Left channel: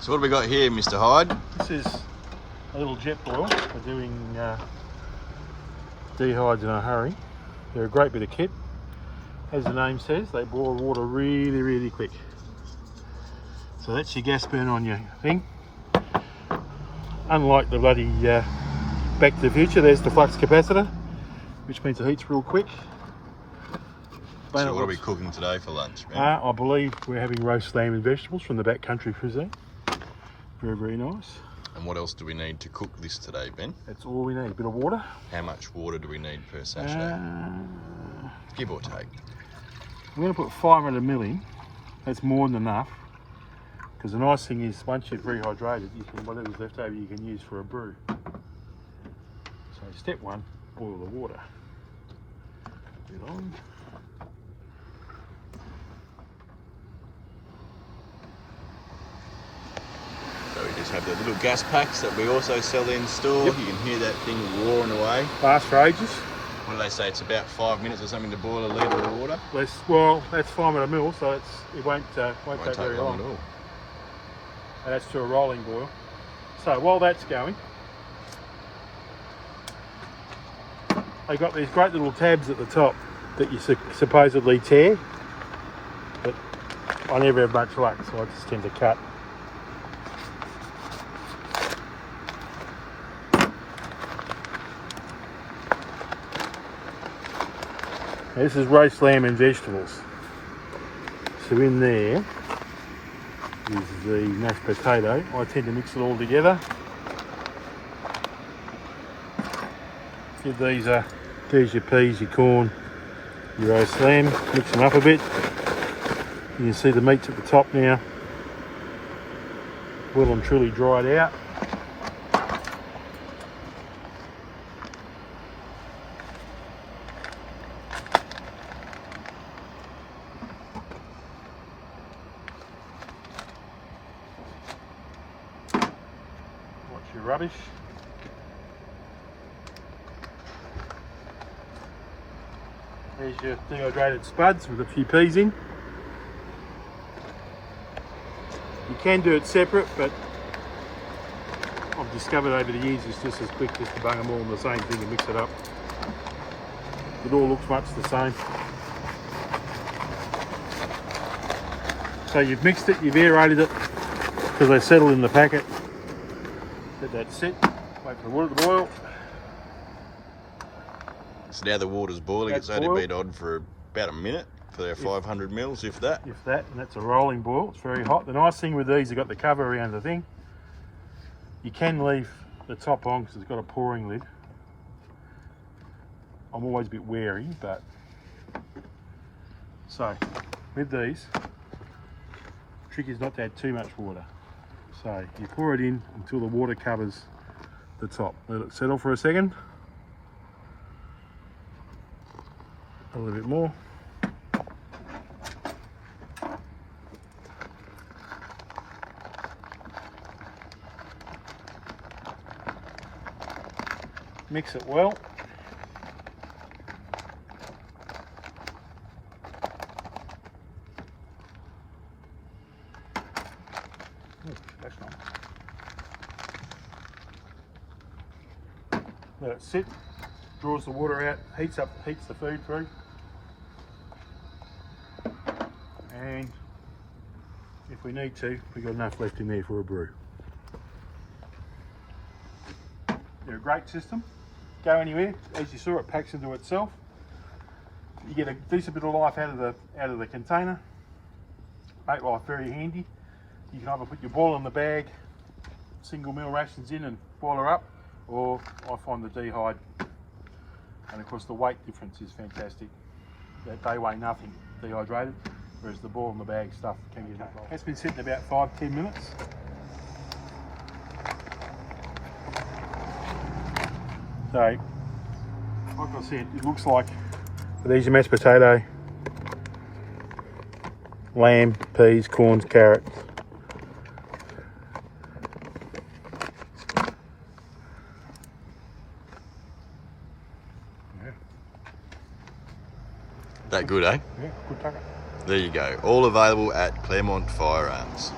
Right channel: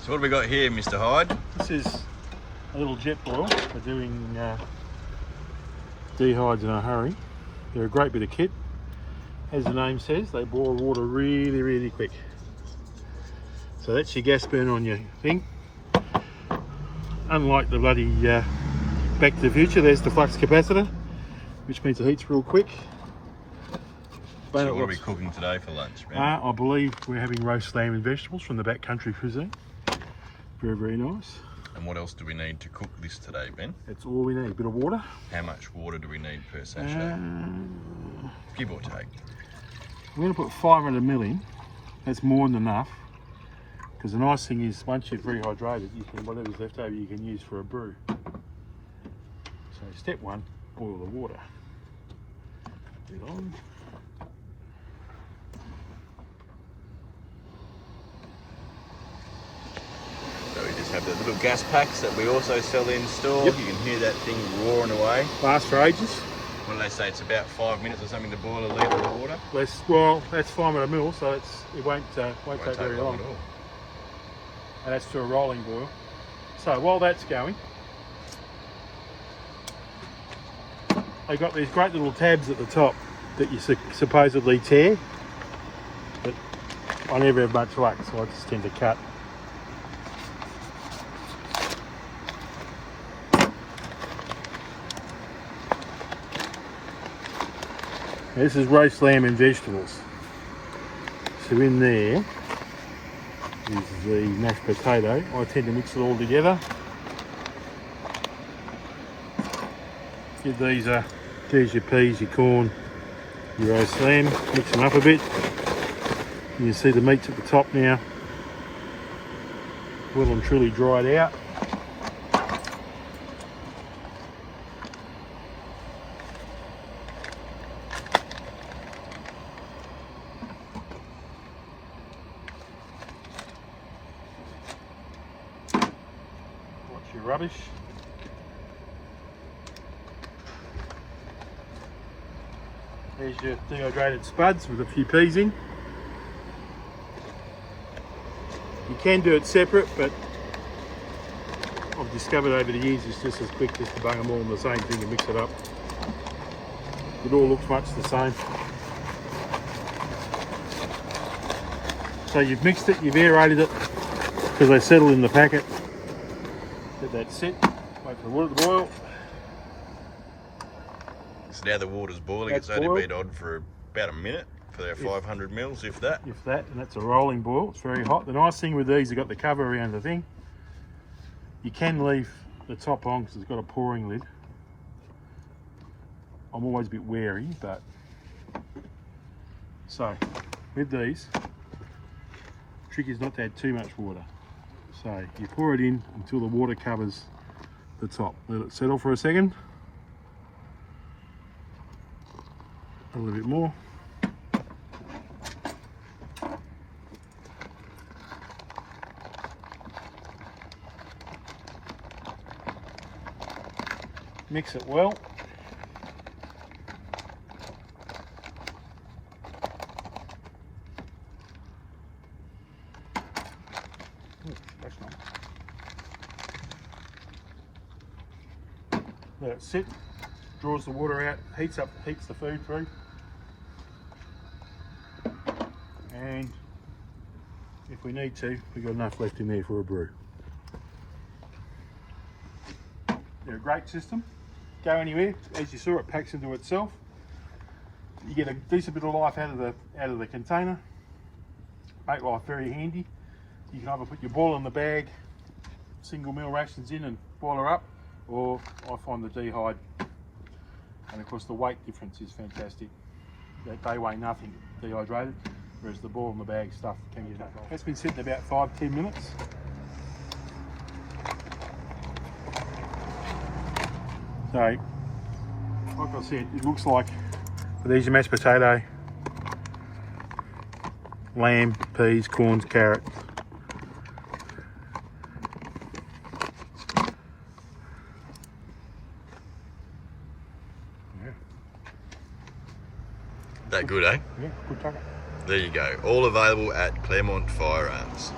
So what have we got here, Mr. Hyde? This is a little jet boil for doing dehydrates in a hurry. They're a great bit of kit. As the name says, they boil water really, really quick. So that's your gas burn on your thing. Unlike the bloody Back to the Future, there's the flux capacitor, which means it heats real quick. So what are we cooking today for lunch, man? I believe we're having roast lamb and vegetables from the backcountry cuisine. Very, very nice. And what else do we need to cook this today, Ben? That's all we need. A bit of water. How much water do we need per sachet? Give or take. We're going to put 500 ml in. That's more than enough. Because the nice thing is, once you've rehydrated, you can, whatever's left over you can use for a brew. So step one, boil the water. Put it on. So we just have the little gas packs that we also sell in store. Yep. You can hear that thing roaring away. Lasts for ages. What do they say? It's about 5 minutes or something to boil a litre of water? Well, that's 500 ml, so it won't take very long. At all. And that's to a rolling boil. So while that's going, they've got these great little tabs at the top that you supposedly tear, but I never have much luck, so I just tend to cut. Now, this is roast lamb and vegetables. So in there is the mashed potato. I tend to mix it all together. Give these there's your peas, your corn, your roast lamb. Mix them up a bit. You can see the meat's at the top now. Well and truly dried out. Your rubbish. There's your dehydrated spuds with a few peas in. You can do it separate, but I've discovered over the years it's just as quick just to bung them all in the same thing and mix it up. It all looks much the same. So you've mixed it, you've aerated it because they settle in the packet. Let that sit, wait for the water to boil. So now the water's boiling. It's only been on for about a minute for our 500 mils, if that. If that, and that's a rolling boil. It's very hot. The nice thing with these, you've got the cover around the thing. You can leave the top on because it's got a pouring lid. I'm always a bit wary, but so with these, the trick is not to add too much water. So you pour it in until the water covers the top. Let it settle for a second. A little bit more. Mix it well. That's not. Let it sit, draws the water out, heats the food through. And if we need to, we've got enough left in there for a brew. They're a great system. Go anywhere, as you saw, it packs into itself. You get a decent bit of life out of the container. Make life very handy. You can either put your boil in the bag, single meal rations in and boil her up, or I find the dehydrated, and of course the weight difference is fantastic. They weigh nothing, dehydrated, whereas the boil in the bag stuff can be enough. That's been sitting about 5-10 minutes. So, like I said, it looks like these are mashed potato, lamb, peas, corn, carrot. Yeah. That good, eh? Yeah, good tucker. There you go. All available at Claremont Firearms.